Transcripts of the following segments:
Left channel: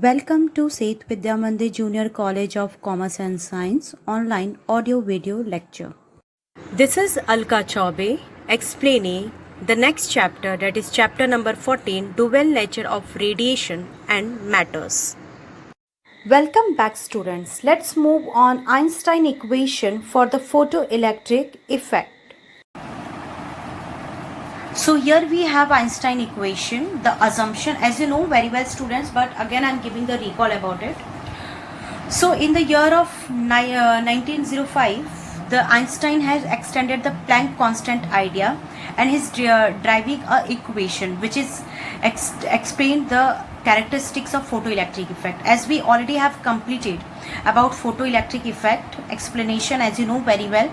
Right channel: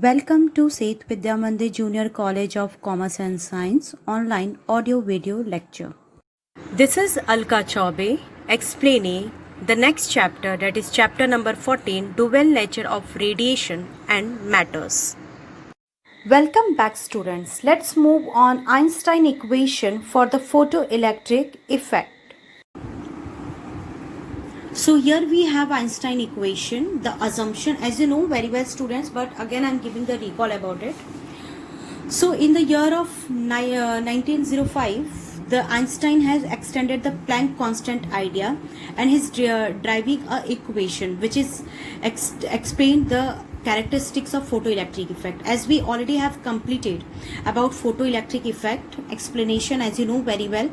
Welcome to Seth Vidya Mandir Junior College of Commerce and Science online audio video lecture. This is Alka Chaube explaining the next chapter, that is chapter number 14, Dual Nature of Radiation and Matters. Welcome back students. Let's move on Einstein equation for the photoelectric effect. So here we have Einstein equation, the assumption, as you know very well students, but again I am giving the recall about it. So in the year of 1905, the Einstein has extended the Planck constant idea and he's driving a equation which is explain the characteristics of photoelectric effect. As we already have completed about photoelectric effect explanation, as you know very well,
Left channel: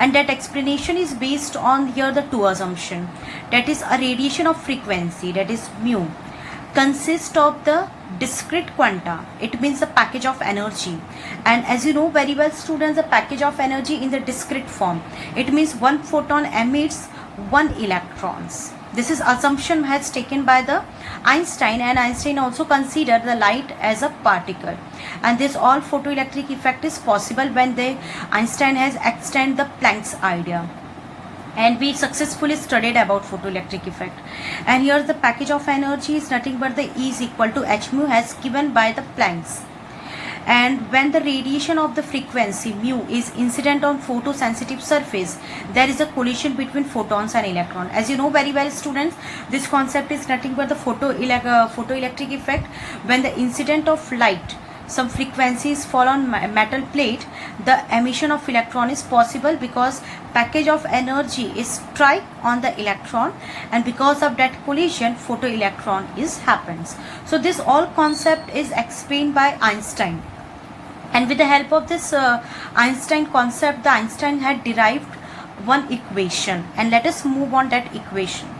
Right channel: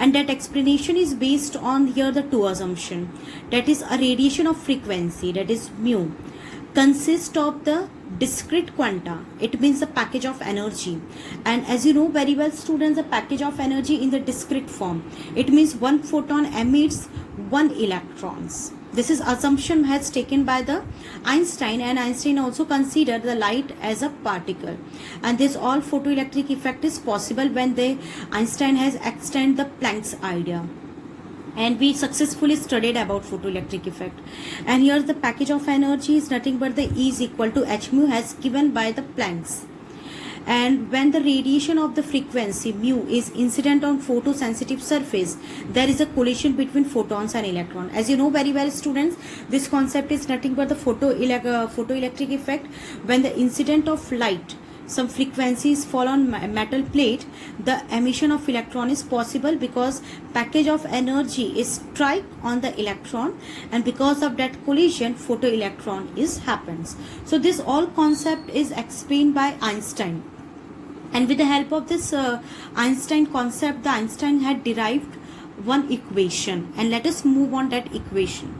and that explanation is based on here the two assumption, that is a radiation of frequency, that is mu, consists of the discrete quanta. It means the package of energy, and as you know very well students, the package of energy in the discrete form, it means one photon emits one electrons. This is assumption has taken by the Einstein, and Einstein also considered the light as a particle, and this all photoelectric effect is possible when the Einstein has extended the Planck's idea, and we successfully studied about photoelectric effect. And here the package of energy is nothing but the E is equal to h mu as given by the Planck's. And when the radiation of the frequency mu is incident on photosensitive surface, there is a collision between photons and electrons. As you know very well students, this concept is nothing but the photoelectric effect. When the incident of light, some frequencies fall on metal plate, the emission of electron is possible because package of energy is strike on the electron, and because of that collision photoelectron is happens. So this all concept is explained by Einstein, and with the help of this Einstein concept, the Einstein had derived one equation, and let us move on that equation.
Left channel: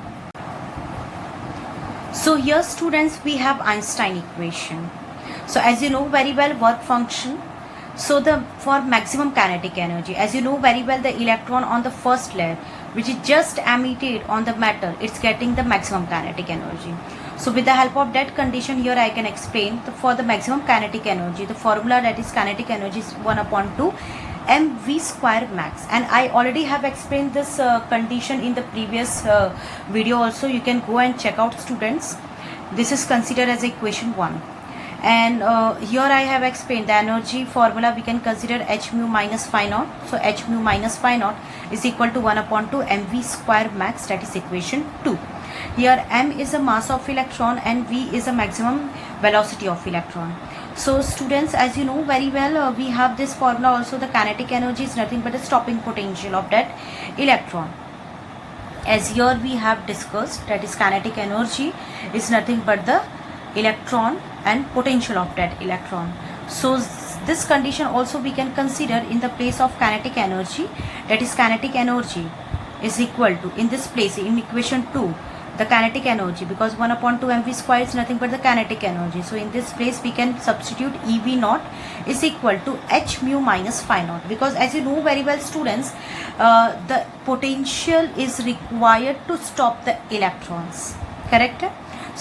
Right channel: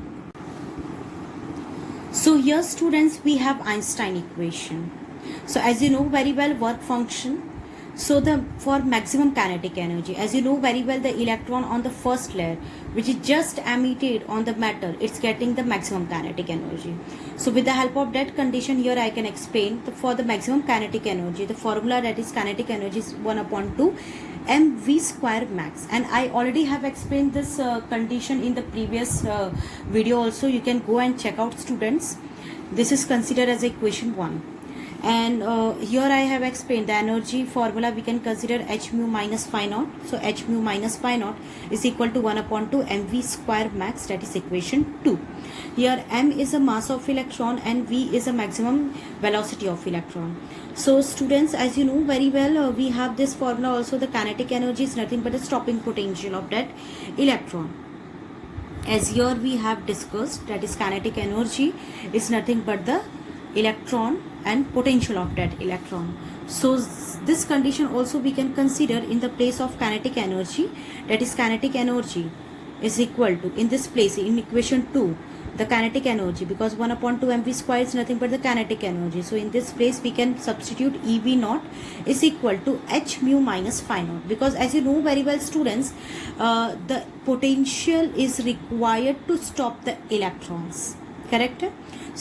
So here students, we have Einstein equation. So as you know very well, work function, so the for maximum kinetic energy, as you know very well, the electron on the first layer which is just emitted on the metal, it's getting the maximum kinetic energy. So with the help of that condition, here I can explain for the maximum kinetic energy, the formula, that is kinetic energy is 1/2 mv square max, and I already have explained this condition in the previous video also. You can go and check out students. This is considered as equation 1. And here I have explained the energy formula. We can consider h mu minus phi naught. So h mu minus phi naught is equal to 1/2 mv square max, that is equation 2. Here m is the mass of electron and v is the maximum velocity of electron. So students, as you know very well, we have this formula also. The kinetic energy is nothing but the stopping potential of that electron. As here we have discussed, that is kinetic energy is nothing but the electron and potential of that electron. So this condition also we can consider in the place of kinetic energy, that is kinetic energy is equal to, in this place in equation 2, the kinetic energy, because 1/2 mv square is nothing but the kinetic energy. So in this place we can substitute ev naught is equal to h mu minus phi naught, because as you know very well students, the potential is required to stop the electrons, correct?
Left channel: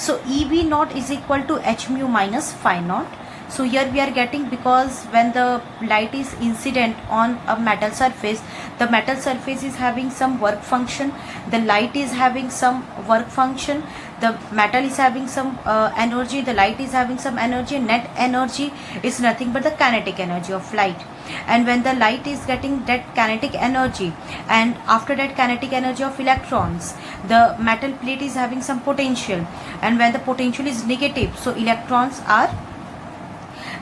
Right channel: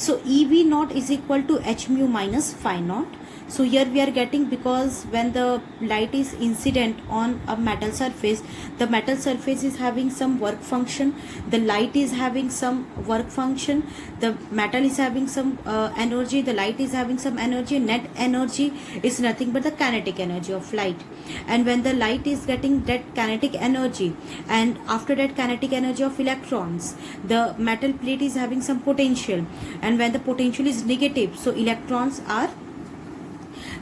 So ev naught is equal to h mu minus phi naught. So here we are getting, because when the light is incident on a metal surface, the metal surface is having some work function, the light is having some work function, the metal is having some energy, the light is having some energy. Net energy is nothing but the kinetic energy of light. And when the light is getting that kinetic energy, and after that kinetic energy of electrons, the metal plate is having some potential, and when the potential is negative, so electrons are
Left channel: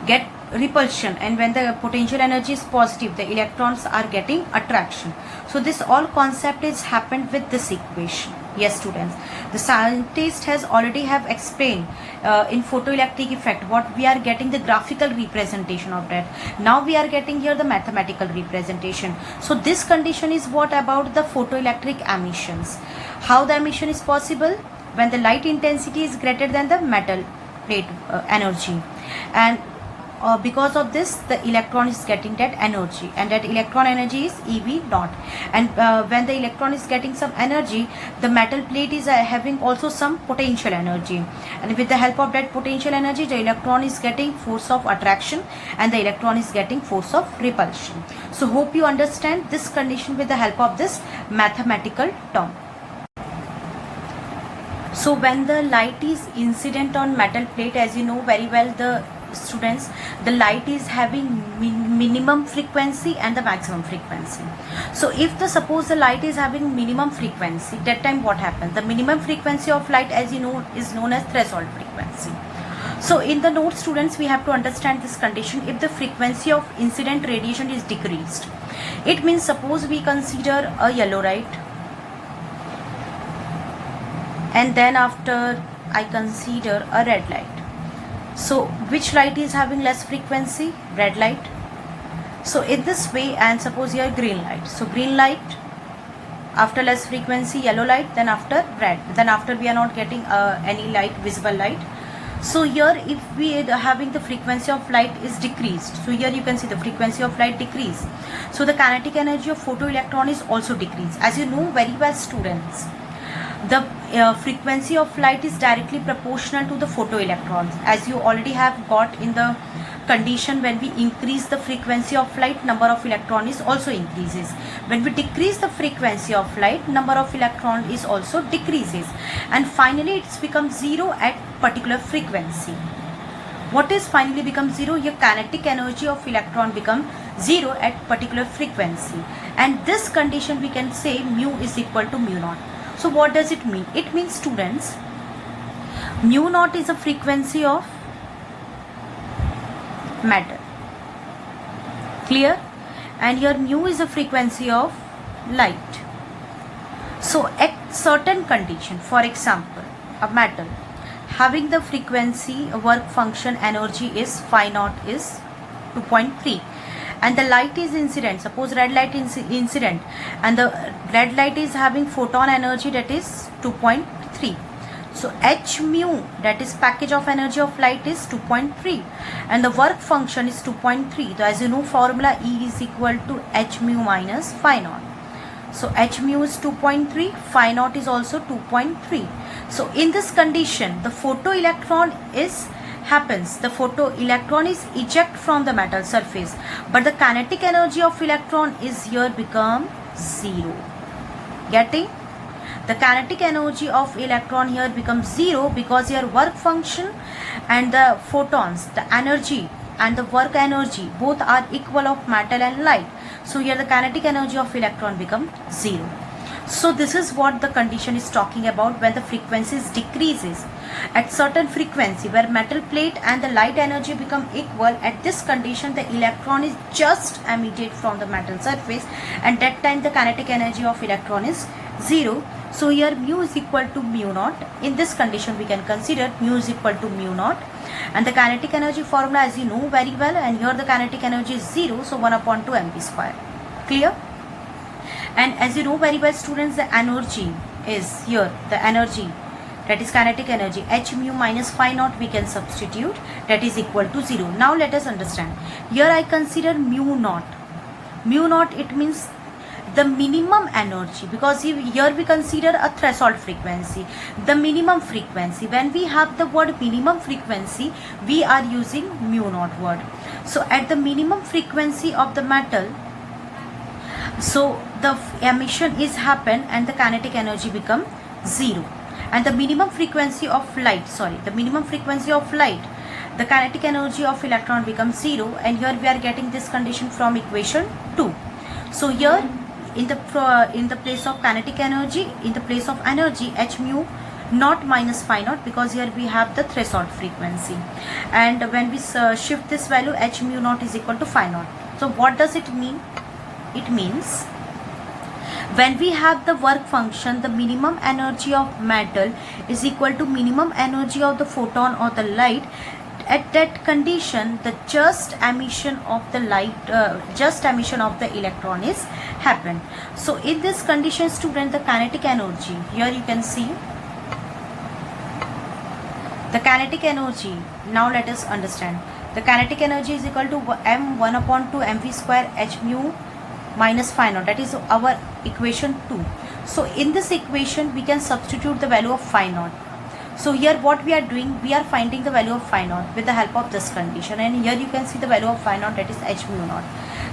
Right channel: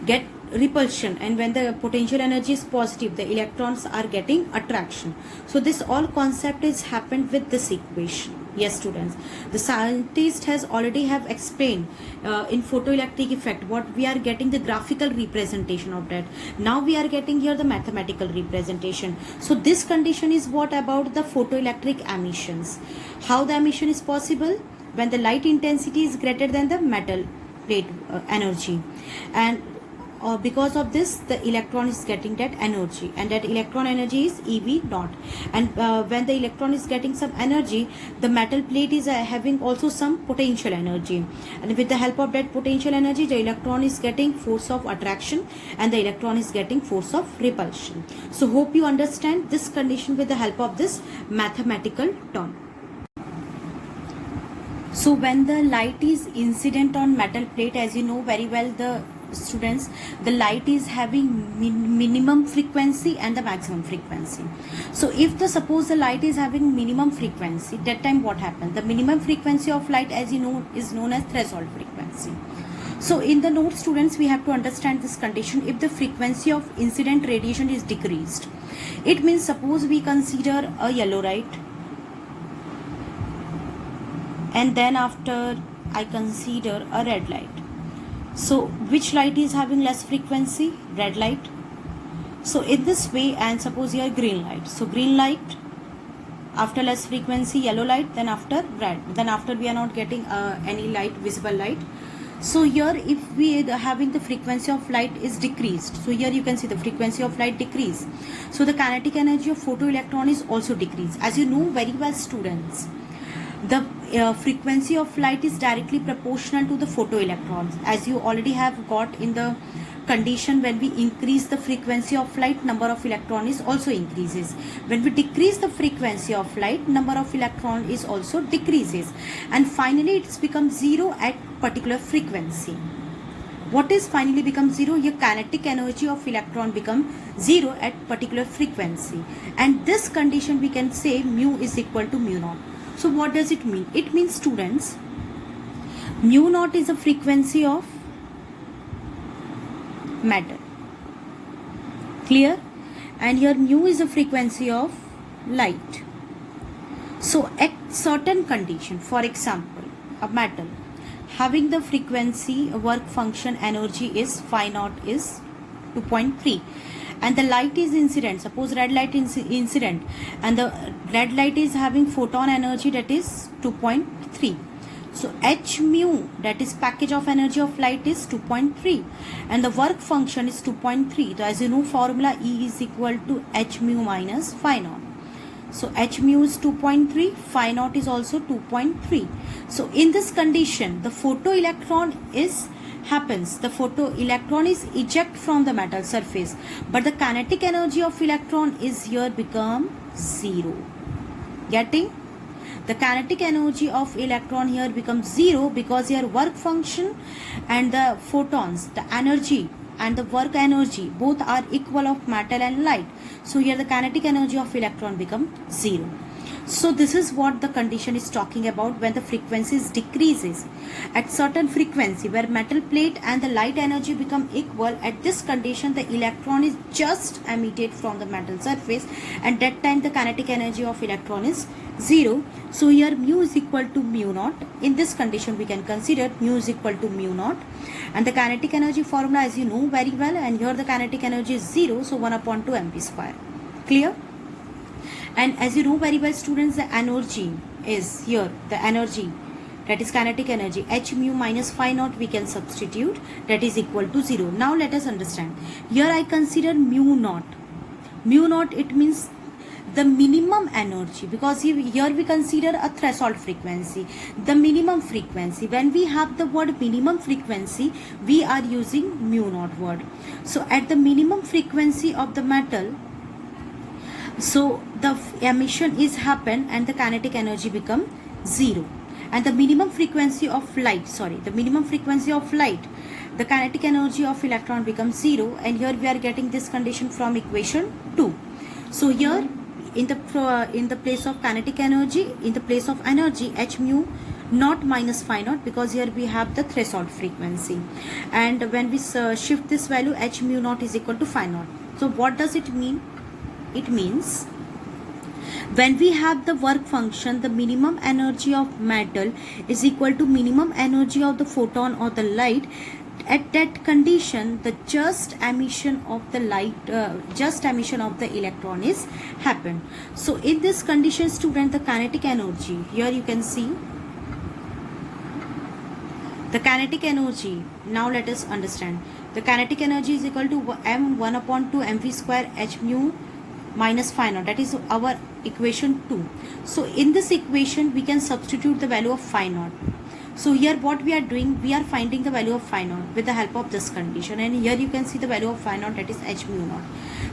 get repulsion, and when the potential energy is positive, the electrons are getting attraction. So this all concept is happened with this equation. Yes students, the scientist has already have explained in photoelectric effect what we are getting, the graphical representation of that. Now we are getting here the mathematical representation. So this condition is what about the photoelectric emissions. How the emission is possible? When the light intensity is greater than the metal plate energy, and because of this the electron is getting that energy, and that electron energy is EV naught. And when the electron is getting some energy, the metal plate is having also some potential energy, and with the help of that potential energy the electron is getting force of attraction and the electron is getting force of repulsion. So hope you understand this condition with the help of this mathematical term. So when the light is incident on metal plate, as you know very well the students, the light is having minimum frequency and the maximum frequency. So if the suppose the light is having minimum frequency, that time what happens? The minimum frequency of light, as you know, is known as threshold frequency. So in the note students, we have to understand this condition. If the frequency of incident radiation is decreased, it means suppose we consider a yellow light, and then after I consider a red light. So which light is having less frequency? Red light. So in this way, and suppose here green light. So green light, after less frequency, yellow light, then after red, then after we are not getting any light, visible light. So here if we are having the frequency of light is decreased, so here you can see the frequency of light decrease, so the kinetic energy of photoelectron is also decreased. As you know very well students, the frequency of light is directly proportional to the photoelectrons, as you already have got in the condition. When we increase the frequency of light, number of electron is also increases. When we decrease the frequency of light, number of electron is also decreases, and finally it's become zero at particular frequency. What is finally become zero? Your kinetic energy of electron become zero at particular frequency, and this condition we can say mu is equal to mu naught. So what does it mean? It means students, mu naught is the frequency of matter, clear, and here mu is the frequency of light. So at certain condition, for example a metal having the frequency work function energy is phi naught is 2.3, and the light is incident, suppose red light is incident, and the red light is having photon energy that is 2.3. So h mu, that is package of energy of light, is 2.3, and the work function is 2.3. So as you know formula, E is equal to h mu minus phi naught. So h mu is 2.3, phi naught is also 2.3. So in this condition the photoelectron the photoelectron is eject from the metal surface, but the kinetic energy of electron is here become zero. Getting? The kinetic energy of electron here becomes zero because your work function and the photons, the energy and the work energy both are equal of metal and light. So here the kinetic energy of electron become zero. So this is what the condition is talking about when the frequencies decreases. At certain frequency where metal plate and the light energy become equal, at this condition the electron is just emitted from the metal surface, and that time the kinetic energy of electron is zero. So here mu is equal to mu naught. In this condition we can consider mu is equal to mu naught, and the kinetic energy formula as you know very well, and here the kinetic energy is zero, so 1 upon 2 mv square. Clear? And as you know very well students, the energy is here, the energy that is kinetic energy, h mu minus phi naught we can substitute, that is equal to 0. Now let us understand. Here I consider mu naught. Mu naught, it means the minimum energy, because here we consider a threshold frequency, the minimum frequency. When we have the word minimum frequency, we are using mu naught word. So at the minimum frequency of the metal, so the emission is happen and the kinetic energy become zero, and the minimum frequency of light, the kinetic energy of electron becomes zero, and here we are getting this condition from equation 2. So here in the place of kinetic energy, in the place of energy, h mu naught minus phi naught, because here we have the threshold frequency, and when we shift this value, h mu naught is equal to phi naught. So what does it mean? It means when we have the work function, the minimum energy of metal is equal to minimum energy of the photon or the light. At that condition, the just emission of the light, just emission of the electron is happen. So in this condition student, the kinetic energy, here you can see the kinetic energy. Now let us understand. The kinetic energy is equal to m1 upon 2 mv square h mu minus phi naught. That is our equation 2. So in this equation we can substitute the value of phi naught. So here what we are doing, we are finding the value of phi naught with the help of this condition, and here you can see the value of phi naught, that is h mu naught,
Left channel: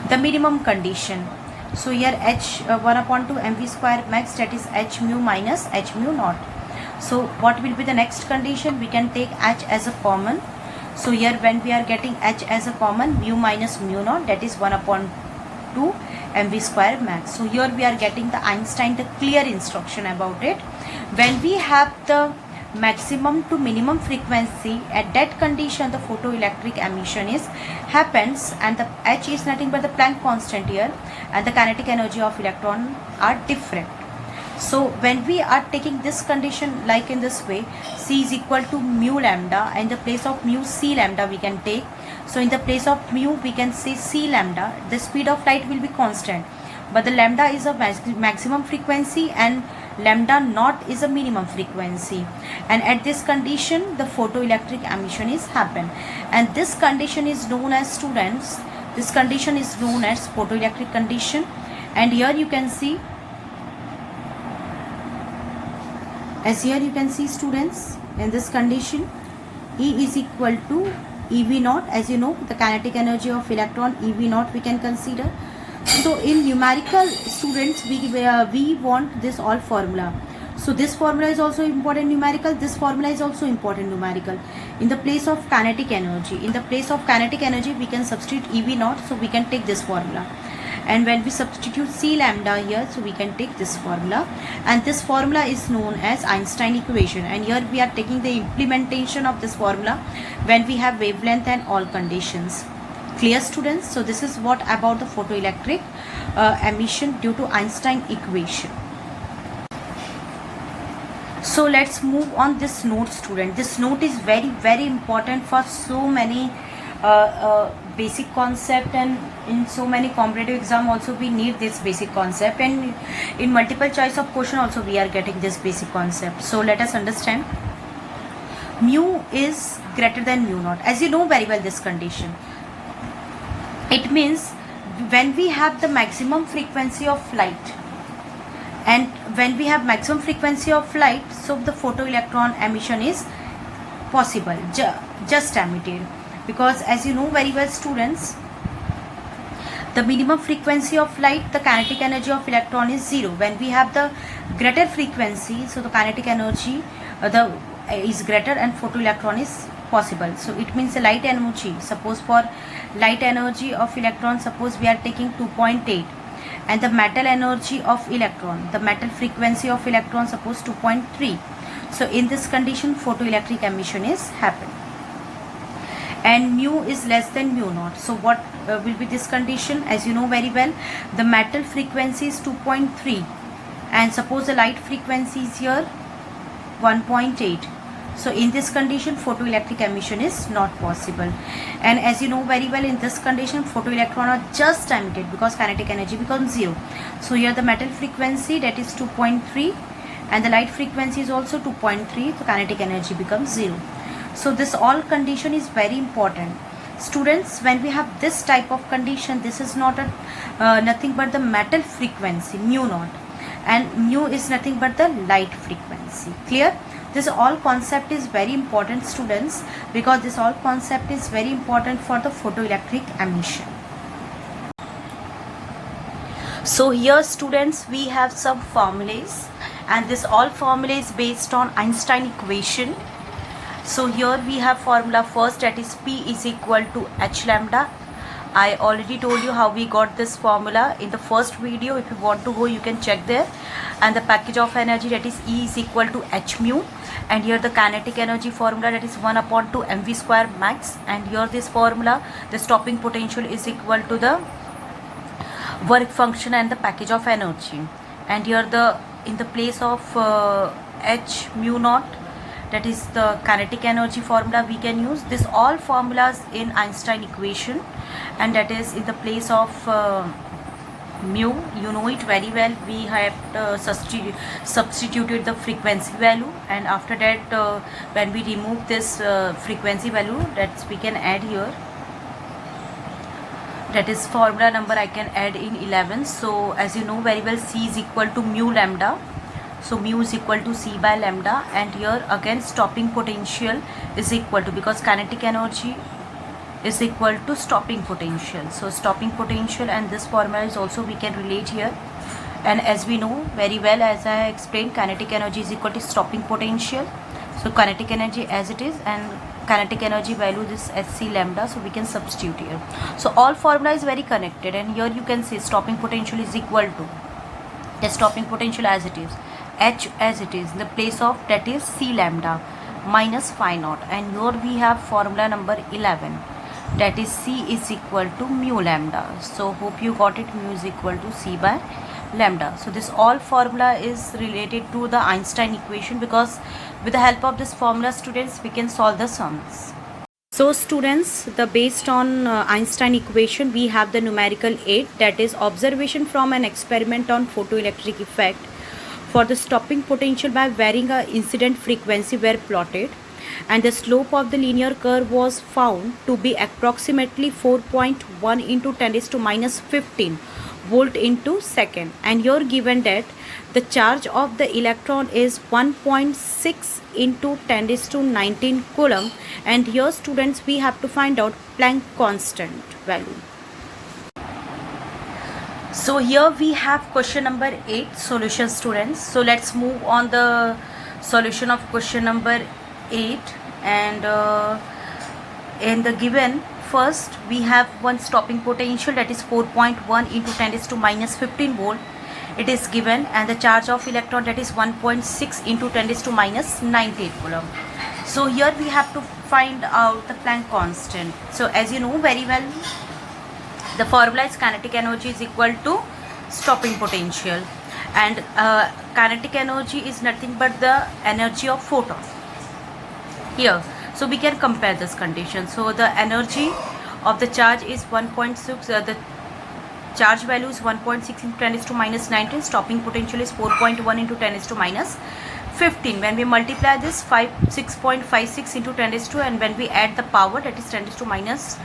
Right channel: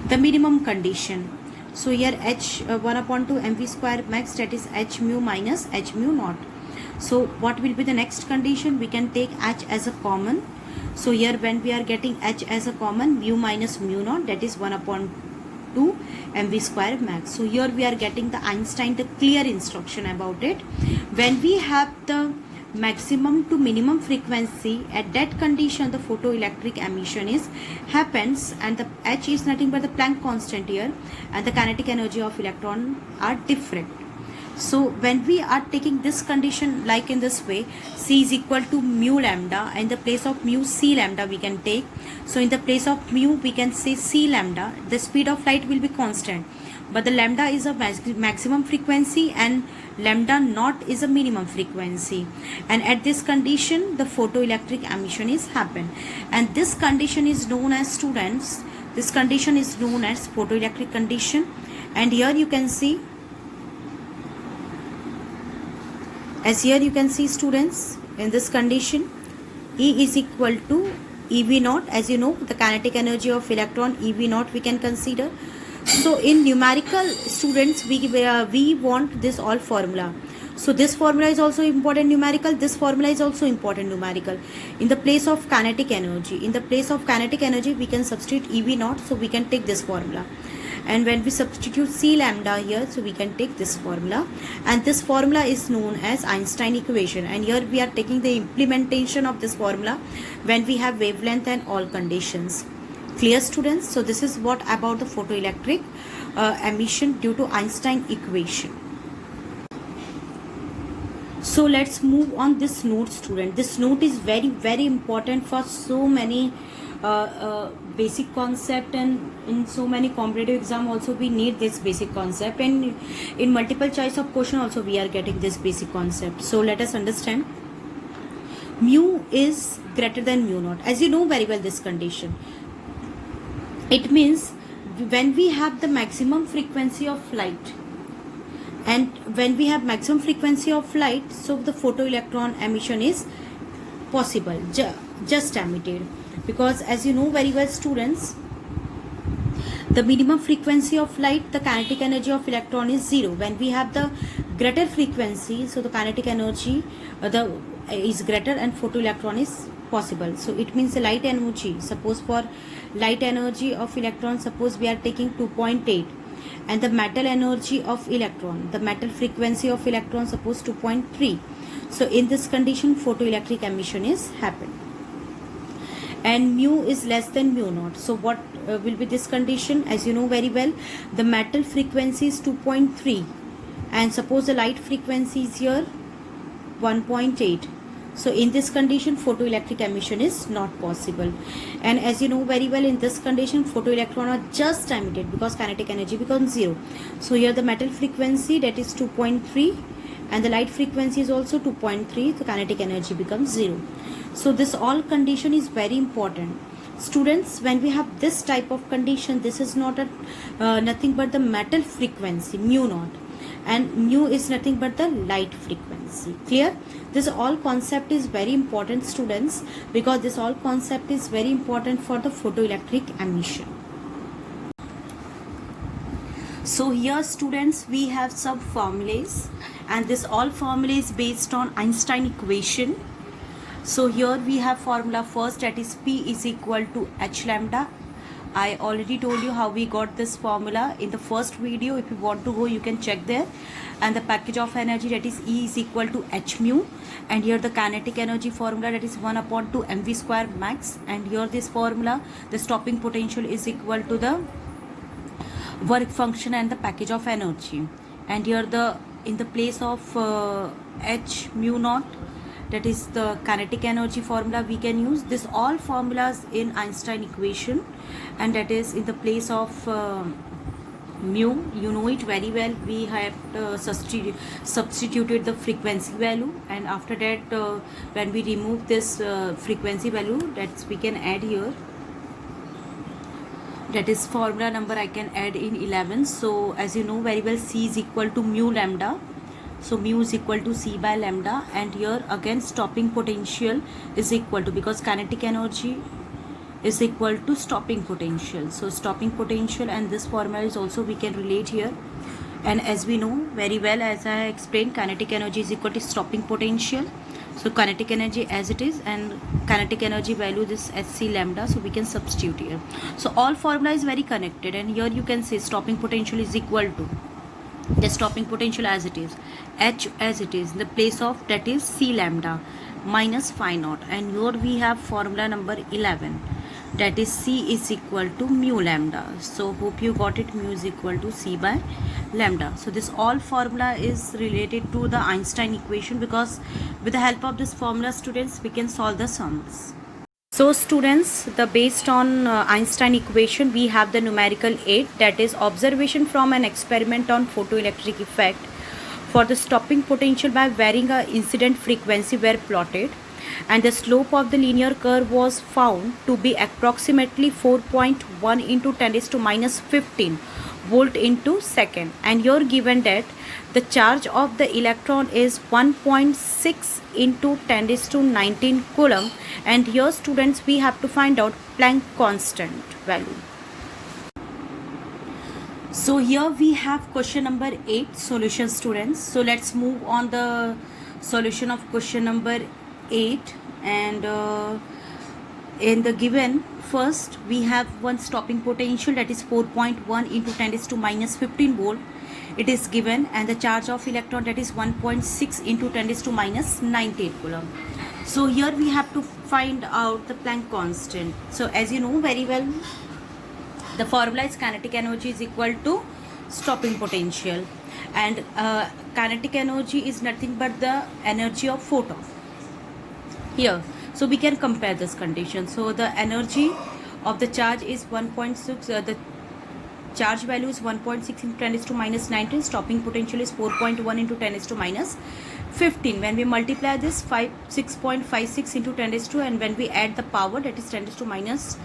the minimum condition. So here h1 upon 2 mv square max, that is h mu minus h mu naught. So what will be the next condition? We can take h as a common. So here when we are getting h as a common, mu minus mu naught, that is 1 upon 2 mv square max. So here we are getting the Einstein, the clear instruction about it. When we have the maximum to minimum frequency, at that condition the photoelectric emission is happens, and the h is nothing but the Planck constant here, and the kinetic energy of electron are different. So when we are taking this condition like in this way, c is equal to mu lambda, and in the place of mu c lambda we can take. So in the place of mu we can say c lambda. The speed of light will be constant, but the lambda is a maximum frequency and lambda naught is a minimum frequency, and at this condition the photoelectric emission is happen, and this condition is known as, students, this condition is known as photoelectric condition. And here you can see, as here you can see, students, in this condition E is equal to EV naught. As you know, the kinetic energy of electron EV naught we can consider. So in numerical, students, we want this all formula. So this formula is also important numerical, this formula is also important numerical. In the place of kinetic energy, we can substitute EV naught, so we can take this formula. And when we substitute c lambda here, so we can take this formula, and this formula is known as Einstein equation. And here we are taking the implementation of this formula when we have wavelength and all conditions. Clear, students? So this is what about the photoelectric emission due to Einstein equation. So let's move on this note, student. This note is very important for so many basic concept, and in so many competitive exam also we need this basic concept, and in multiple choice of question also we are getting this basic concept. So let us understand. Mu is greater than mu naught. As you know very well this condition, it means when we have the maximum frequency of light, and when we have maximum frequency of light, so the photoelectron emission is possible, just emitted. Because as you know very well, students, the minimum frequency of light, the kinetic energy of electron is 0. When we have the greater frequency, so the kinetic energy is greater and photoelectron is possible. So it means the light energy, suppose for light energy of electron, suppose we are taking 2.8, and the metal energy of electron, the metal frequency of electron, suppose 2.3. So in this condition photoelectric emission is happen, and mu is less than mu naught. So what will be this condition? As you know very well, the metal frequency is 2.3, and suppose the light frequency is here 1.8. So in this condition photoelectric emission is not possible, and as you know very well, in this condition photoelectron are just emitted because kinetic energy becomes 0. So here the metal frequency, that is 2.3, and the light frequency is also 2.3, the kinetic energy becomes 0. So this all condition is very important, students. When we have this type of condition, this is not a nothing but the metal frequency mu naught, and mu is nothing but the light frequency. Clear? This all concept is very important, students, because this all concept is very important for the photoelectric emission. So here, students, we have some formulas, and this all formula is based on Einstein equation. So here we have formula first, that is P is equal to H lambda. I already told you how we got this formula in the first video. If you want to go, you can check there. And the package of energy, that is E is equal to H mu. And here the kinetic energy formula, that is 1 upon 2 mv square max. And here this formula, the stopping potential is equal to the work function and the package of energy. And here the in the place of H mu naught, that is the kinetic energy formula we can use. This all formulas in Einstein equation, and that is in the place of mu, you know it very well, we have substituted the frequency value, and after that when we remove this frequency value, that we can add here, that is formula number I can add in 11. So as you know very well, C is equal to mu lambda, so mu is equal to C by lambda, and here again stopping potential is equal to, because kinetic energy is equal to stopping potential, so stopping potential, and this formula is also we can relate here. And as we know very well, as I explained, kinetic energy is equal to stopping potential, so kinetic energy as it is, and kinetic energy value this SC lambda, so we can substitute here. So all formula is very connected, and here you can say stopping potential is equal to the stopping potential as it is, H as it is, in the place of that is C lambda minus phi naught, and here we have formula number 11, that is C is equal to mu lambda. So hope you got it, mu is equal to C by lambda. So this all formula is related to the Einstein equation, because with the help of this formula, students, we can solve the sums. So students, the based on Einstein equation, we have the numerical 8, that is observation from an experiment on photoelectric effect for the stopping potential by varying a incident frequency were plotted, and the slope of the linear curve was found to be approximately 4.1 into 10 raised to minus 15 volt into second, and you're given that the charge of the electron is 1.6 into 10 raised to 19 coulomb, and here students we have to find out Planck constant value. So here we have question number 8 solution, students. So let's move on the solution of question number 8, and in the given, first we have one stopping potential, that is 4.1 into 10 raised to minus 15 volt, it is given, and the charge of electron, that is 1.6 into 10 raised to minus 98 coulomb. So here we have to find out the Planck constant. So as you know very well, the formula is kinetic energy is equal to stopping potential, and kinetic energy is nothing but the energy of photon here. So we can compare this condition. So the energy of the charge is 1.6, the charge value is 1.6 into 10 raised to minus 19, stopping potential is 4.1 into 10 raised to minus 15. When we multiply this 6.56 into 10 raised to, and when we add the power, that is 10 raised to minus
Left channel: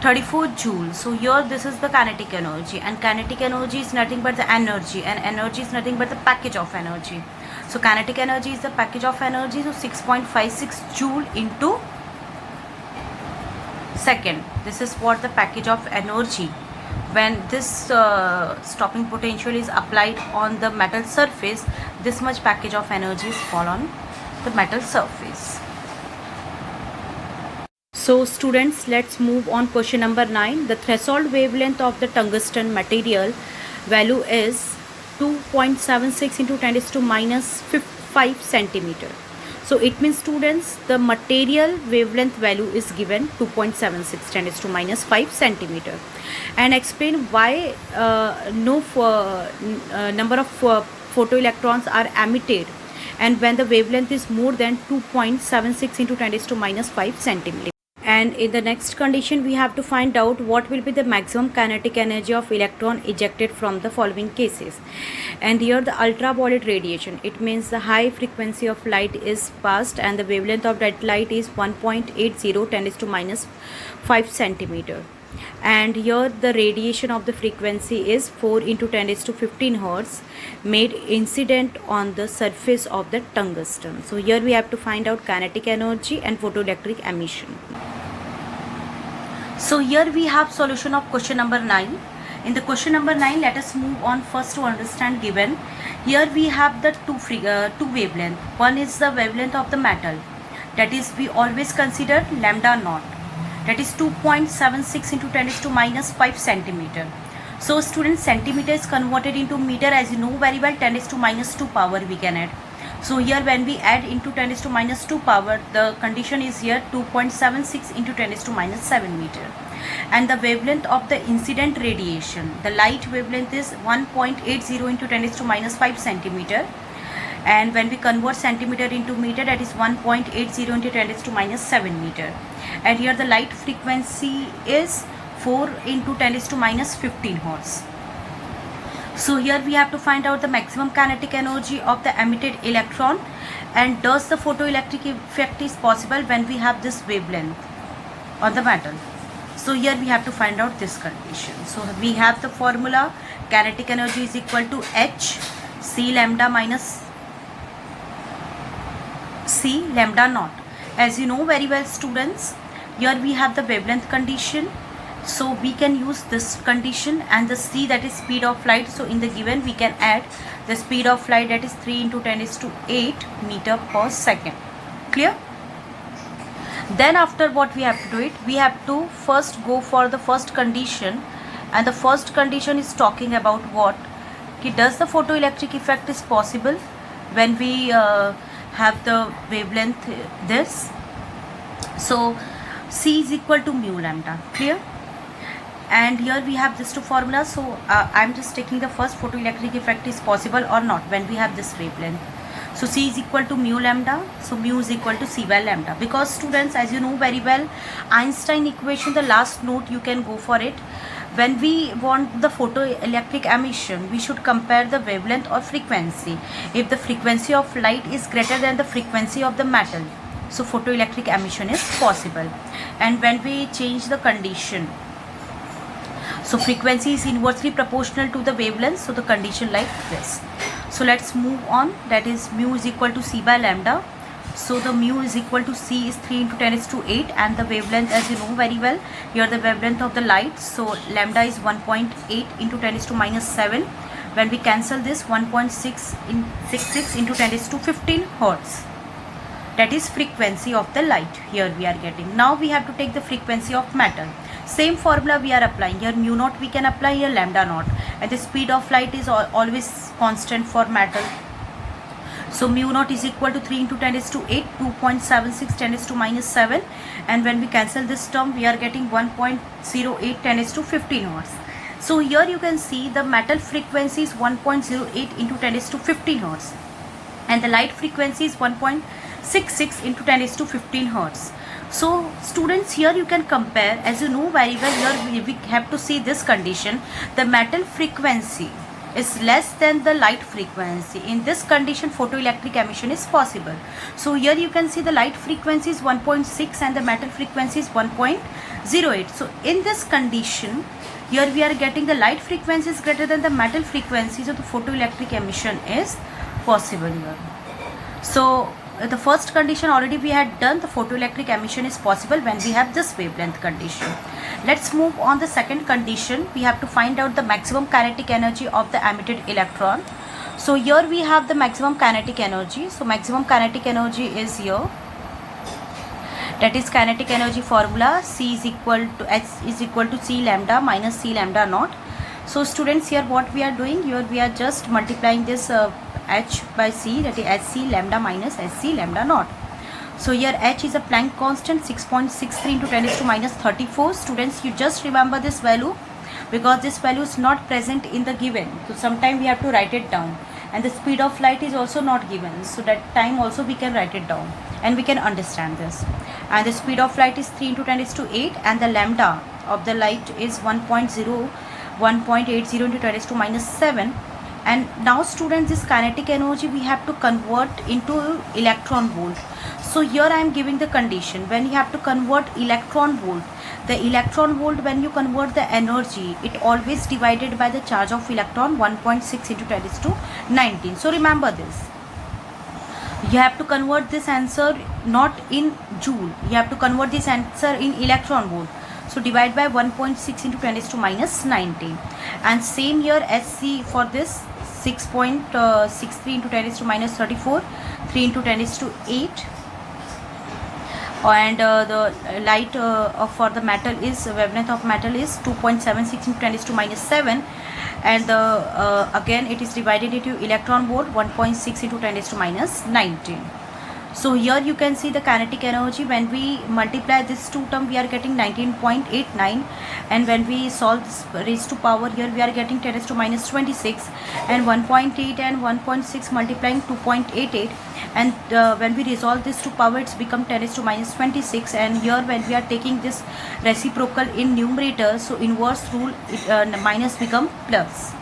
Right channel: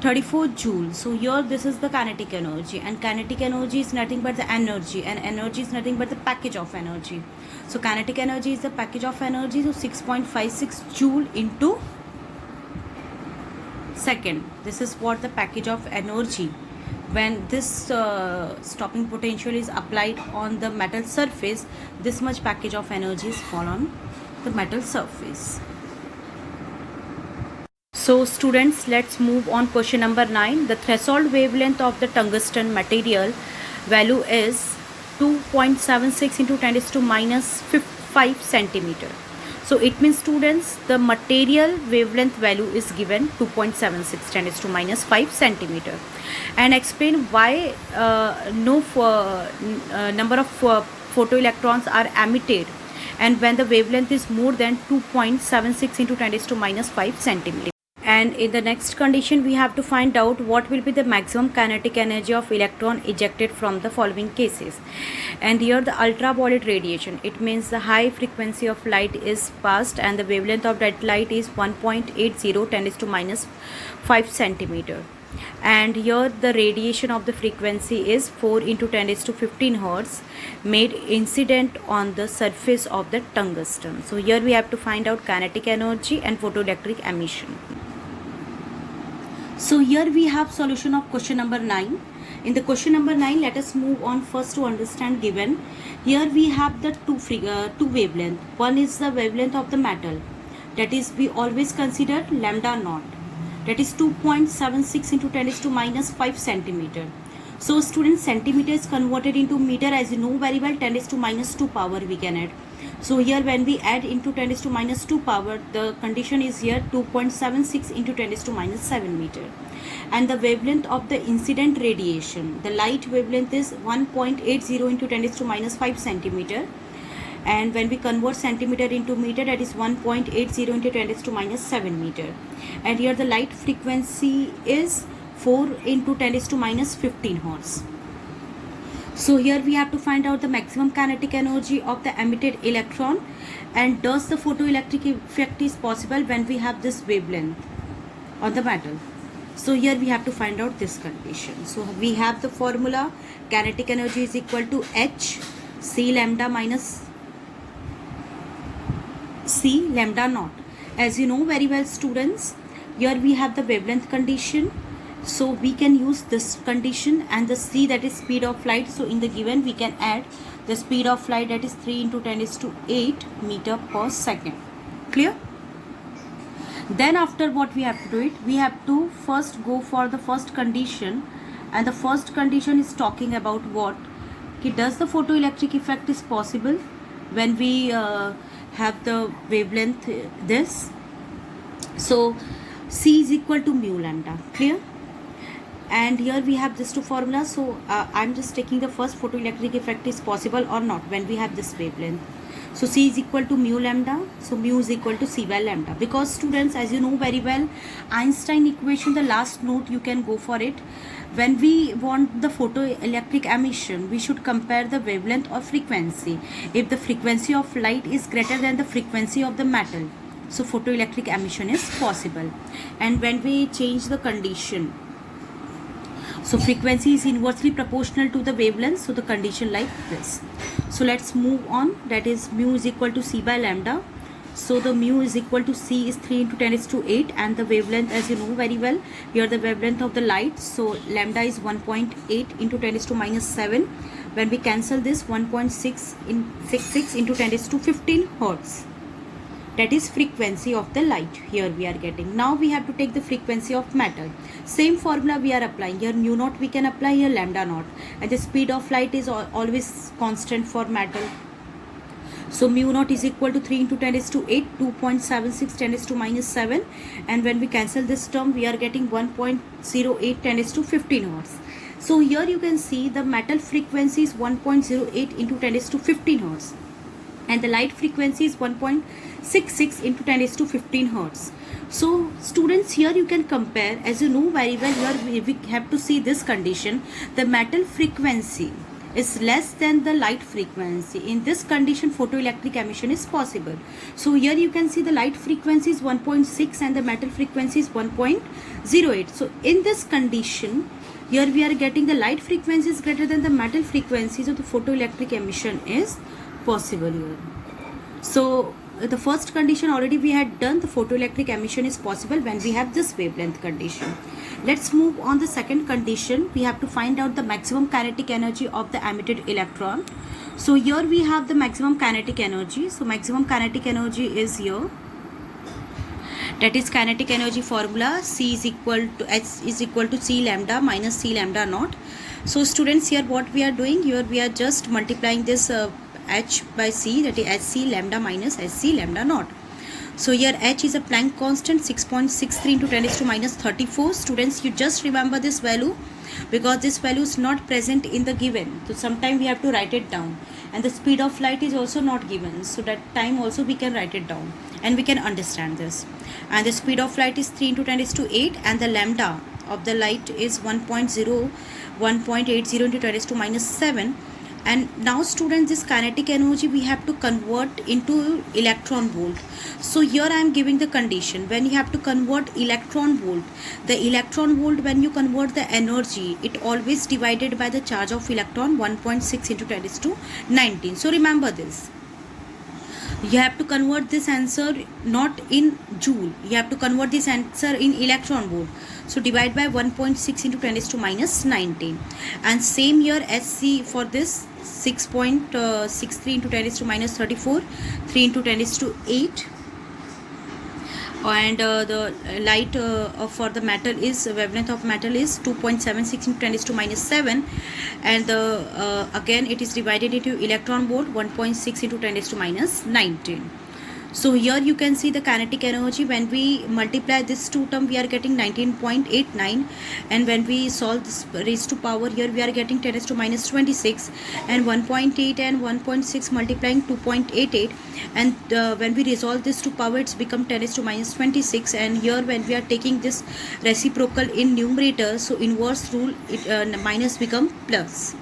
34 joules. So here this is the kinetic energy, and kinetic energy is nothing but the energy, and energy is nothing but the package of energy. So kinetic energy is the package of energy, so 6.56 joule into second. This is what the package of energy. When this stopping potential is applied on the metal surface, this much package of energy is fall on the metal surface. So students, let's move on question number 9. The threshold wavelength of the tungsten material value is 2.76 into 10 raised to minus 5 centimeter. So it means students, the material wavelength value is given 2.76 10 raised to minus 5 centimeter, and explain why no number of photoelectrons are emitted, and when the wavelength is more than 2.76 into 10 raised to minus 5 centimeter. And in the next condition, we have to find out what will be the maximum kinetic energy of electron ejected from the following cases. And here the ultraviolet radiation, it means the high frequency of light is passed, and the wavelength of that light is 1.80 10 raised to minus 5 centimeter. And here the radiation of the frequency is 4 into 10 raised to 15 hertz made incident on the surface of the tungsten. So here we have to find out kinetic energy and photoelectric emission. So here we have solution of question number 9. In the question number 9, let us move on first to understand given. Here we have the two wavelength. One is the wavelength of the metal, that is we always consider lambda naught, that is 2.76 into 10 raised to minus 5 centimeter. So students, centimeter is converted into meter, as you know very well, 10 raised to minus 2 power we can add. So here when we add into 10 raised to minus 2 power, the condition is here 2.76 into 10 raised to minus 7 meter. And the wavelength of the incident radiation, the light wavelength is 1.80 into 10 raised to minus 5 centimeter. And when we convert centimeter into meter, that is 1.80 into 10 raised to minus 7 meter. And here the light frequency is 4 into 10 raised to minus 15 hertz. So here we have to find out the maximum kinetic energy of the emitted electron, and does the photoelectric effect is possible when we have this wavelength on the metal. So here we have to find out this condition. So we have the formula: kinetic energy is equal to H C lambda minus C lambda naught. As you know very well, students, here we have the wavelength condition, so we can use this condition, and the C, that is speed of light. So in the given we can add the speed of light, that is 3 into 10⁸ meter per second. Clear? Then after, what we have to do it, we have to first go for the first condition, and the first condition is talking about what? Does the photoelectric effect is possible when we have the wavelength this? So C is equal to mu lambda. Clear? And here we have these two formulas. So I'm just taking the first: photoelectric effect is possible or not when we have this wavelength. So C is equal to mu lambda. So mu is equal to C by lambda. Because students, as you know very well, Einstein equation, the last note you can go for it. When we want the photoelectric emission, we should compare the wavelength or frequency. If the frequency of light is greater than the frequency of the metal, so photoelectric emission is possible. And when we change the condition, so frequency is inversely proportional to the wavelength, so the condition like this. So let's move on. That is, mu is equal to C by lambda. So the mu is equal to C is 3 into 10⁸, and the wavelength, as you know very well, here the wavelength of the light, so lambda is 1.8 into 10⁻⁷. When we cancel this, 1.666 into 10⁻15 hertz. That is frequency of the light here we are getting. Now we have to take the frequency of metal. Same formula we are applying. Here mu naught we can apply, here lambda naught. And the speed of light is always constant for metal. So mu naught is equal to 3 into 10⁸, 2.76 10⁻⁷. And when we cancel this term, we are getting 1.08 10⁻15 hertz. So here you can see the metal frequency is 1.08 into 10⁻15 hertz. And the light frequency is 1.66 into 10⁻15 hertz. So students, here you can compare. As you know very well, here we have to see this condition: the metal frequency is less than the light frequency. In this condition, photoelectric emission is possible. So here you can see the light frequency is 1.6 and the metal frequency is 1.08. So in this condition, here we are getting the light frequency is greater than the metal frequency, so the photoelectric emission is possible here. So the first condition already we had done, the photoelectric emission is possible when we have this wavelength condition. Let's move on the second condition. We have to find out the maximum kinetic energy of the emitted electron. So here we have the maximum kinetic energy. So maximum kinetic energy is here. That is kinetic energy formula: C is equal to H is equal to C lambda minus C lambda naught. So students, here what we are doing, here we are just multiplying this H by C, that is Hc lambda minus Hc lambda naught. So here H is a Planck constant, 6.63 into 10⁻34. Students, you just remember this value because this value is not present in the given. So sometime we have to write it down. And the speed of light is also not given. So that time also we can write it down and we can understand this. And the speed of light is 3 into 10⁸, and the lambda of the light is 1.80 into 10⁻⁷. And now students, this kinetic energy we have to convert into electron volt. So here I am giving the condition: when you have to convert electron volt, the electron volt, when you convert the energy, it always divided by the charge of electron, 1.6 into 10⁻⁹. So remember this. You have to convert this answer not in joule, you have to convert this answer in electron volt. So divide by 1.6 into 10⁻⁹. And same here, Sc for this, 6.63 into 10⁻34, 3 into 10⁸. And the light for the metal is, wavelength of metal is 2.76 into 10⁻⁷. And again it is divided into electron volt, 1.6 into 10⁻⁹. So here you can see the kinetic energy. When we multiply this two term, we are getting 19.89, and when we solve this raised to power, here we are getting 10⁻26, and 1.8 and 1.6 multiplying 2.88, and when we resolve this to power, it's become 10⁻26. And here when we are taking this reciprocal in numerator, so inverse rule, minus become plus.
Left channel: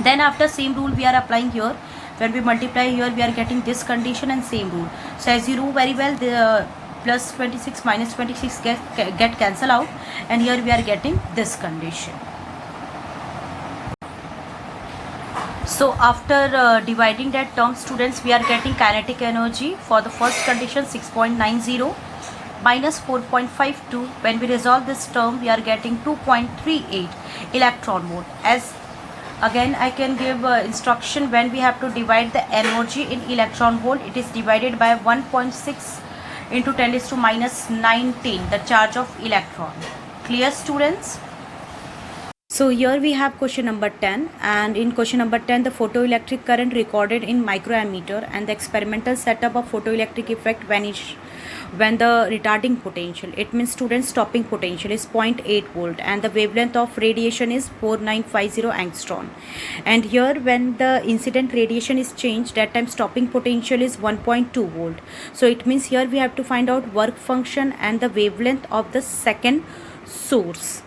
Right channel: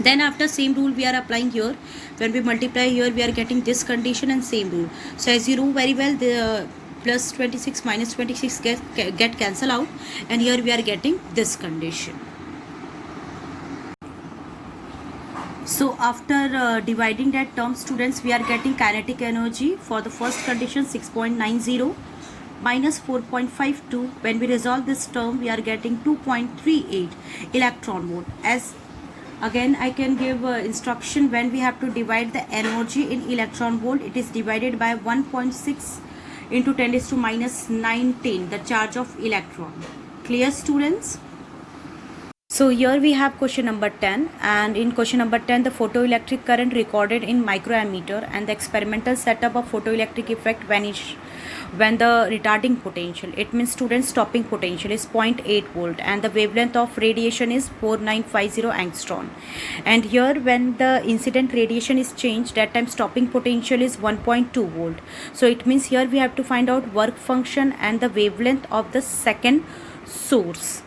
Then after same rule we are applying here. When we multiply here, we are getting this condition and same rule. So as you know very well, the plus 26 minus 26 get cancel out, and here we are getting this condition. So after dividing that term, students, we are getting kinetic energy for the first condition 6.90 minus 4.52. When we resolve this term, we are getting 2.38 electron volt. As again I can give instruction, when we have to divide the energy in electron volt, it is divided by 1.6 into 10 raised to minus 19, the charge of electron. Clear, students? So here we have question number 10, and in question number 10 the photoelectric current recorded in microammeter and the experimental setup of photoelectric effect vanish when the retarding potential, it means students stopping potential, is 0.8 volt and the wavelength of radiation is 4950 angstrom. And here when the incident radiation is changed, that time stopping potential is 1.2 volt. So it means here we have to find out work function and the wavelength of the second source.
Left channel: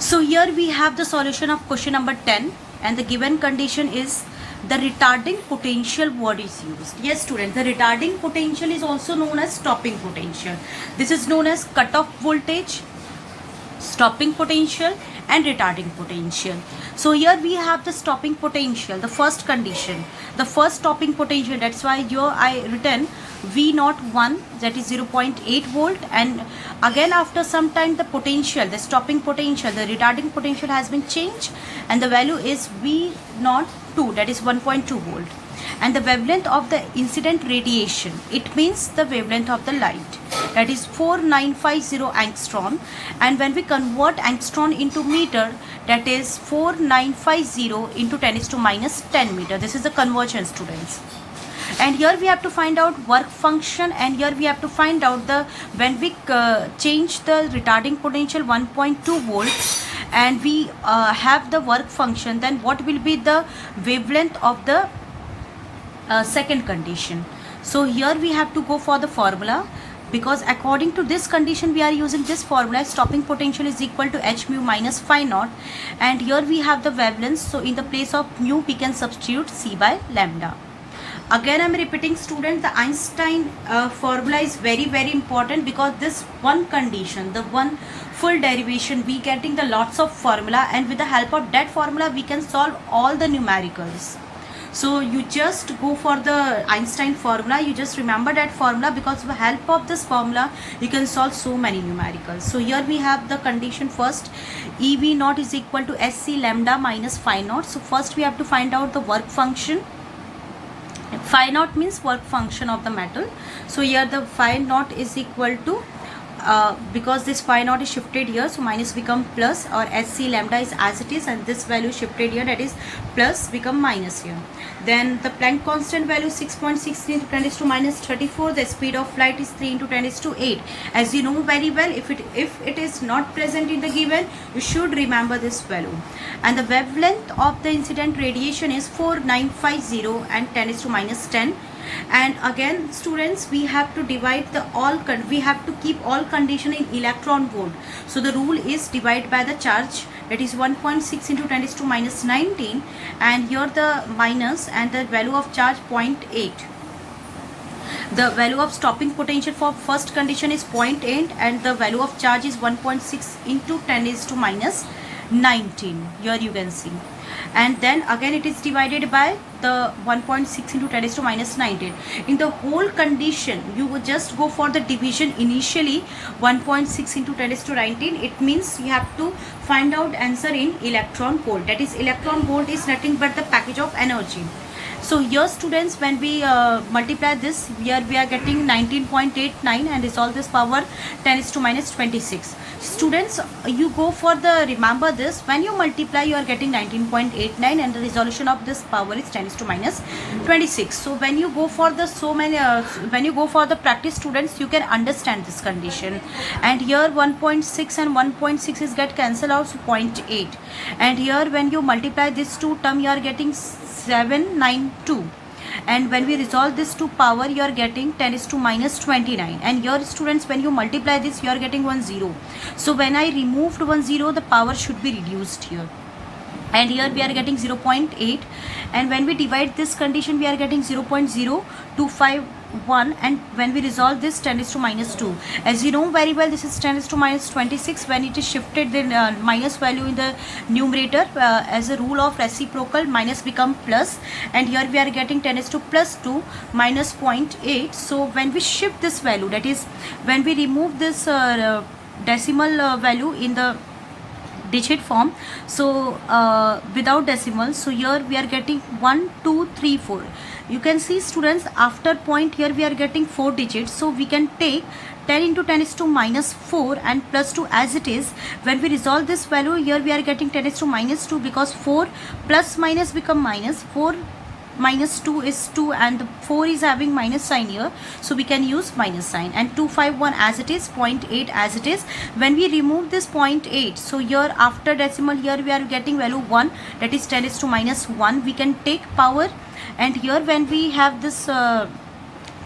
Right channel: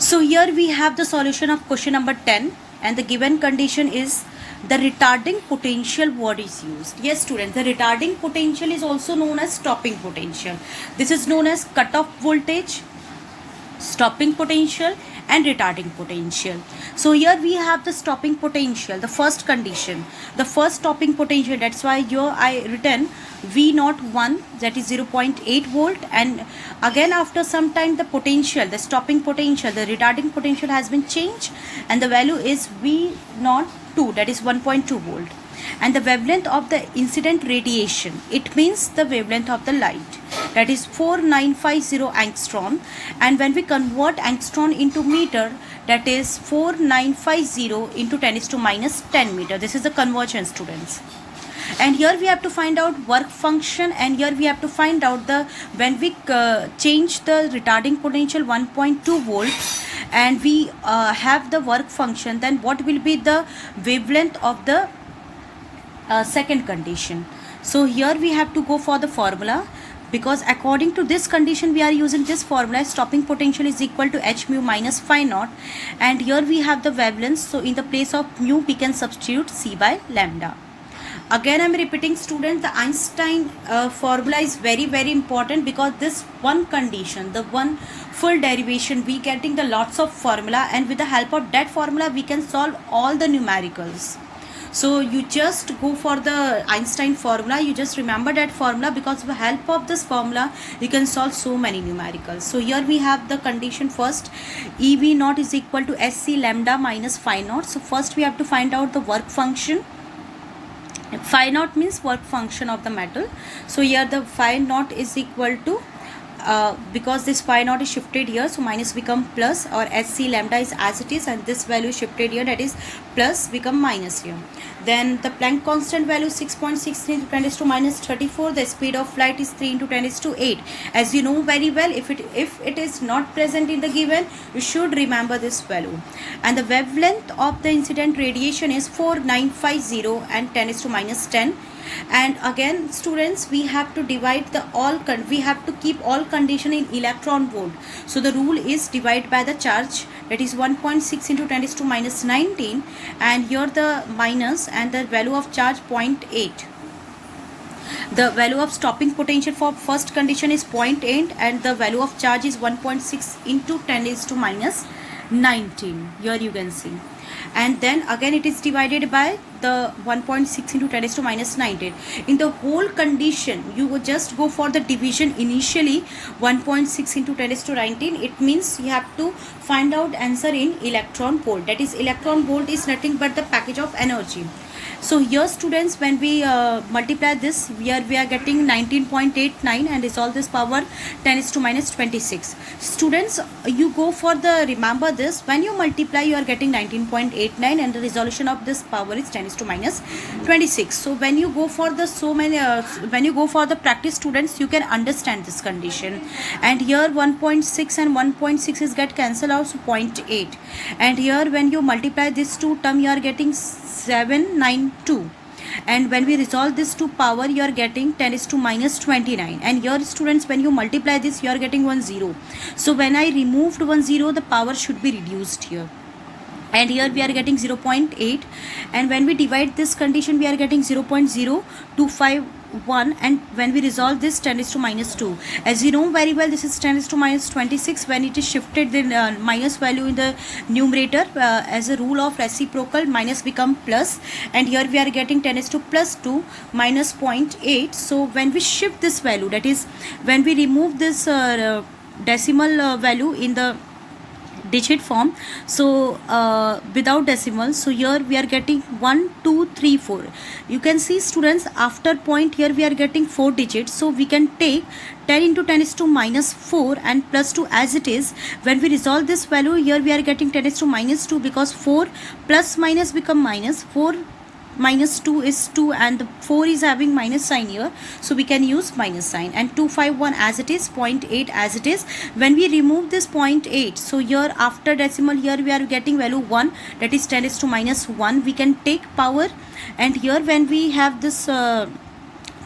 So here we have the solution of question number 10, and the given condition is the retarding potential word is used. Yes students, the retarding potential is also known as stopping potential. This is known as cutoff voltage, stopping potential and retarding potential. So here we have the stopping potential, the first condition, the first stopping potential, that's why here I written V01, that is 0.8 volt, and again after some time the potential, the stopping potential, the retarding potential has been changed and the value is V02, that is 1.2 volt. And the wavelength of the incident radiation, it means the wavelength of the light, that is 4950 angstrom, and when we convert angstrom into meter, that is 4950 into 10 is to minus 10 meter. This is the conversion, students. And here we have to find out work function, and here we have to find out the, when we change the retarding potential 1.2 volt and we have the work function, then what will be the wavelength of the second condition. So here we have to go for the formula, because according to this condition we are using this formula, stopping potential is equal to h mu minus phi naught, and here we have the wavelength, so in the place of mu we can substitute c by lambda. Again I am repeating, student, the Einstein formula is very important, because this one condition, the one full derivation, we getting the lots of formula, and with the help of that formula we can solve all the numericals. So you just go for the Einstein formula, you just remember that formula, because with the help of this formula you can solve so many numericals. So here we have the condition first, EV naught is equal to SC lambda minus phi naught. So first we have to find out the work function. Phi naught means work function of the metal. So here the phi naught is equal to, because this phi naught is shifted here, so minus become plus, or SC lambda is as it is, and this value shifted here, that is plus become minus here. Then the Planck constant value 6.63 into 10 is to minus 34. The speed of light is 3 into 10 is to 8. As you know very well, if it is not present in the given, you should remember this value. And the wavelength of the incident radiation is 4950 and 10 is to minus 10. And again students, we have to divide the we have to keep all condition in electron volt. So the rule is divide by the charge, that is 1.6 into 10 is to minus 19, and here the minus, and the value of charge 0.8. The value of stopping potential for first condition is 0.8, and the value of charge is 1.6 into 10 is to minus 19. Here you can see. And then again it is divided by the 1.6 into 10 is to minus 19. In the whole condition, you would just go for the division initially, 1.6 into 10 is to 19. It means you have to find out answer in electron volt. That is, electron volt is nothing but the package of energy. So here students, when we multiply this, here we are getting 19.89 and resolve this power 10 is to minus 26. Students, you go for the, remember this, when you multiply you are getting 19.89 and the resolution of this power is 10 is to minus 26. So when you go for the when you go for the practice, students, you can understand this condition. And here 1.6 and 1.6 is get cancelled out, so 0.8. And here when you multiply this two term, you are getting 792, and when we resolve this to power, you are getting 10 is to minus 29. And here students, when you multiply this, you are getting 1 0. So when I removed 1 0, the power should be reduced here, and here we are getting 0.8, and when we divide this condition, we are getting 0.0251, and when we resolve this, 10 is to minus 2. As you know very well, this is 10 is to minus 26. When it is shifted, the minus value in the numerator, as a rule of reciprocal, minus become plus, and here we are getting 10 is to plus 2 minus 0.8. So when we shift this value, that is when we remove this decimal value in the digit form, so without decimal, so here we are getting 1 2 3 4. You can see students, after point here we are getting 4 digits, so we can take 10 into 10 is to minus 4 and plus 2 as it is. When we resolve this value, here we are getting 10 is to minus 2, because 4 plus minus become minus, 4 minus 2 is 2, and 4 is having minus sign here, so we can use minus sign, and 251 as it is, 0.8 as it is. When we remove this 0.8, so here after decimal, here we are getting value 1, that is 10 is to minus 1. We can take power, and here when we have this 10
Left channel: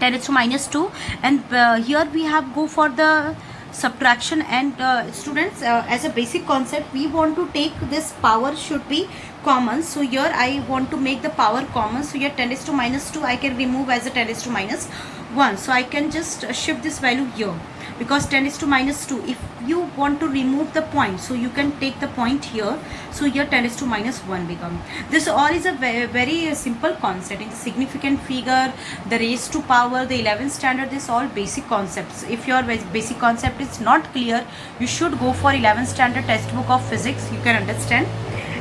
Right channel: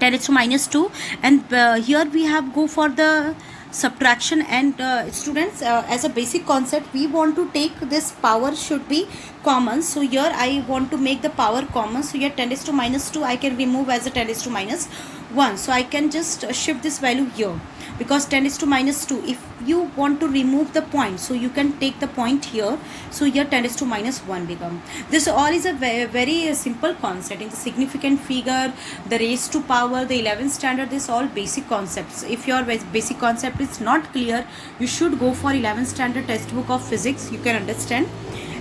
is to minus 2, and here we have go for the subtraction, and students, as a basic concept, we want to take this power should be common. So here I want to make the power common, so here 10 is to minus 2 I can remove as a 10 is to minus 1. So I can just shift this value here, because 10 is to minus 2, if you want to remove the point, so you can take the point here, so here 10 is to minus 1 become. This all is a very simple concept. In the significant figure, the raised to power, the 11th standard, this all basic concepts. If your basic concept is not clear, you should go for 11th standard textbook of physics, you can understand.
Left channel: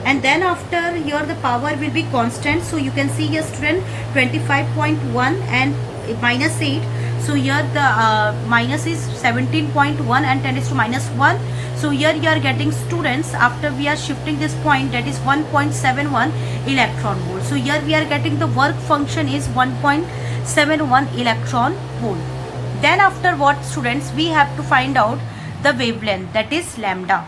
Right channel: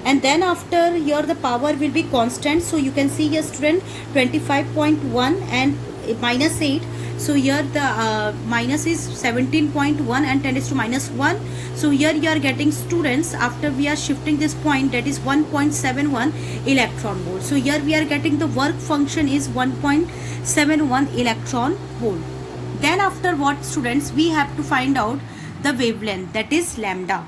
And then after here the power will be constant, so you can see here student 25.1 and minus 8, so here the minus is 17.1 and 10 is to minus 1. So here you are getting students, after we are shifting this point, that is 1.71 electron volt. So here we are getting the work function is 1.71 electron volt. Then after what students, we have to find out the wavelength, that is lambda.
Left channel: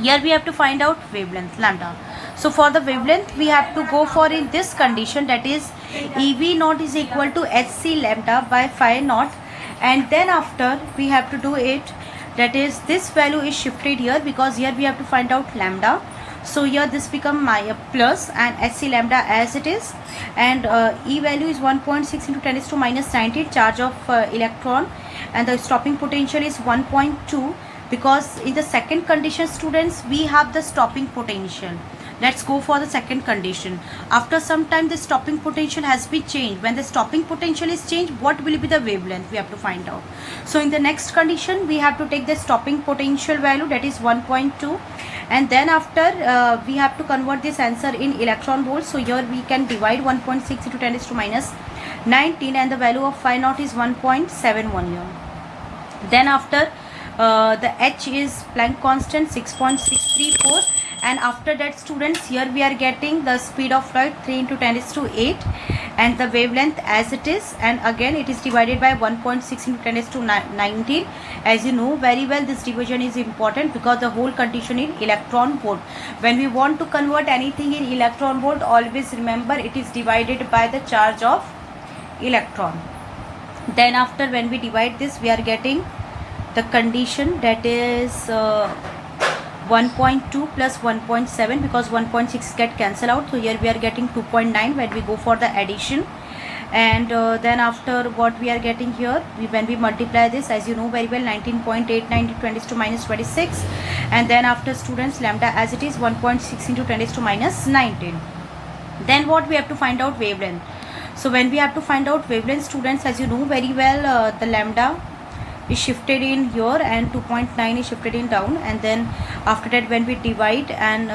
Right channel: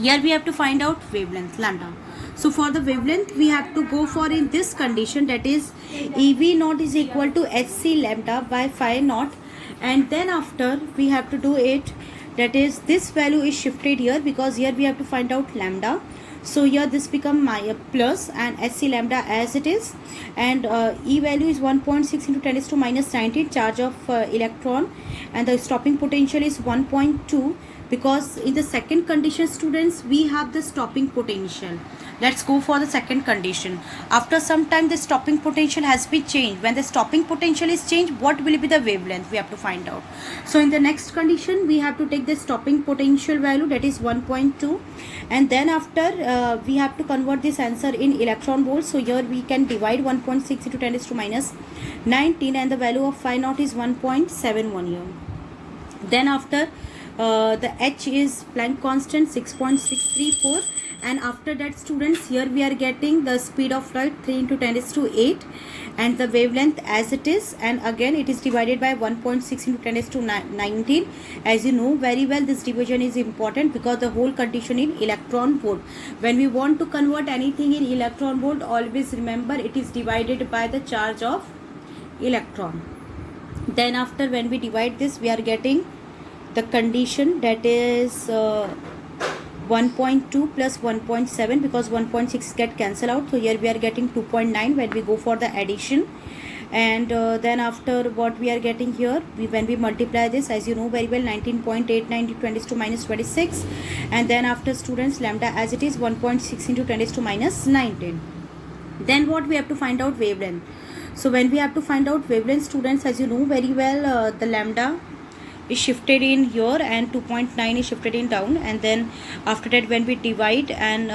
Here we have to find out wavelength lambda. So for the wavelength, we have to go for in this condition, that is EV naught is equal to HC lambda by phi naught, and then after we have to do it, that is this value is shifted here, because here we have to find out lambda. So here this become my plus and HC lambda as it is, and E value is 1.6 into 10 is to minus 19 charge of electron, and the stopping potential is 1.2, because in the second condition students, we have the stopping potential. Let's go for the second condition. After some time, the stopping potential has been changed. When the stopping potential is changed, what will be the wavelength? We have to find out. So in the next condition, we have to take the stopping potential value, that is 1.2, and then after we have to convert this answer in electron volts. So here we can divide 1.6 into 10 is to minus 19, and the value of phi naught is 1.71 here. Then after the H is Planck constant 6.634, and after that students, here we are getting the speed of light 3 into 10 is to 8, and the wavelength as it is, and again it is divided by 1.6 into 10 is to 19. As you know very well, this division is important, because the whole condition in electron volt. When we want to convert anything in electron volt, always remember it is divided by the charge of electron. Then after when we divide this, we are getting the condition, that is 1.2 plus 1.7, because 1.6 get cancelled out, so here we are getting 2.9 when we go for the addition. And then after what we are getting here, when we multiply this, as you know very well, 19.89 into 10 to minus 26, and then after students, lambda as it is 1.6 into 10 to minus 19. Then what we have to find out wavelength. So when we have to find out wavelength students, as you know very well, the lambda is shifted in here and 2.9 is shifted in down, and then after that when we divide and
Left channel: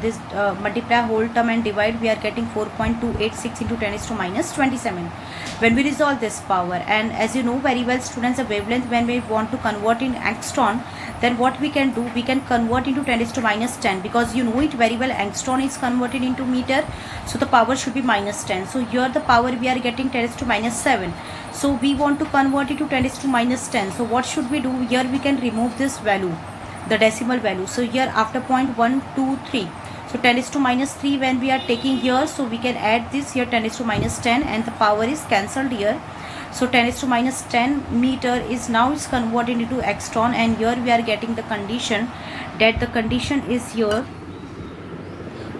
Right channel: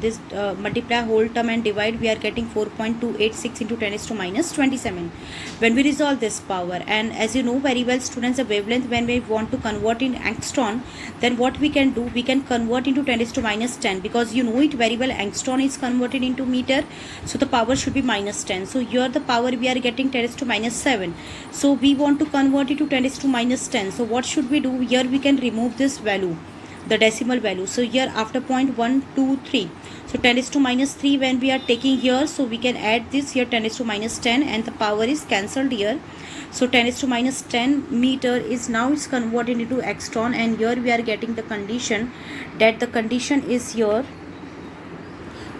this multiply whole term and divide, we are getting 4.286 into 10 to minus 27 when we resolve this power. And as you know very well students, the wavelength, when we want to convert in angstrom, then what we can do, we can convert into 10 to minus 10, because you know it very well, angstrom is converted into meter, so the power should be minus 10. So here the power we are getting 10 to minus 7, so we want to convert it to 10 to minus 10. So what should we do? Here we can remove this value, the decimal value. So here after point 1 2 3, So 10 is to minus 3 when we are taking here, so we can add this here 10 is to minus 10 and the power is cancelled here. So 10 is to minus 10 meter is now is converted into angstrom, and here we are getting the condition that the condition is here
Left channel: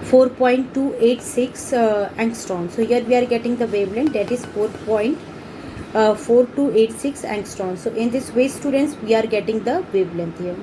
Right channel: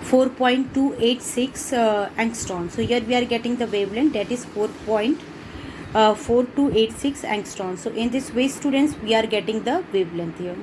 4.286 angstrom. So here we are getting the wavelength that is 4.4286 angstrom. So in this way students, we are getting the wavelength here.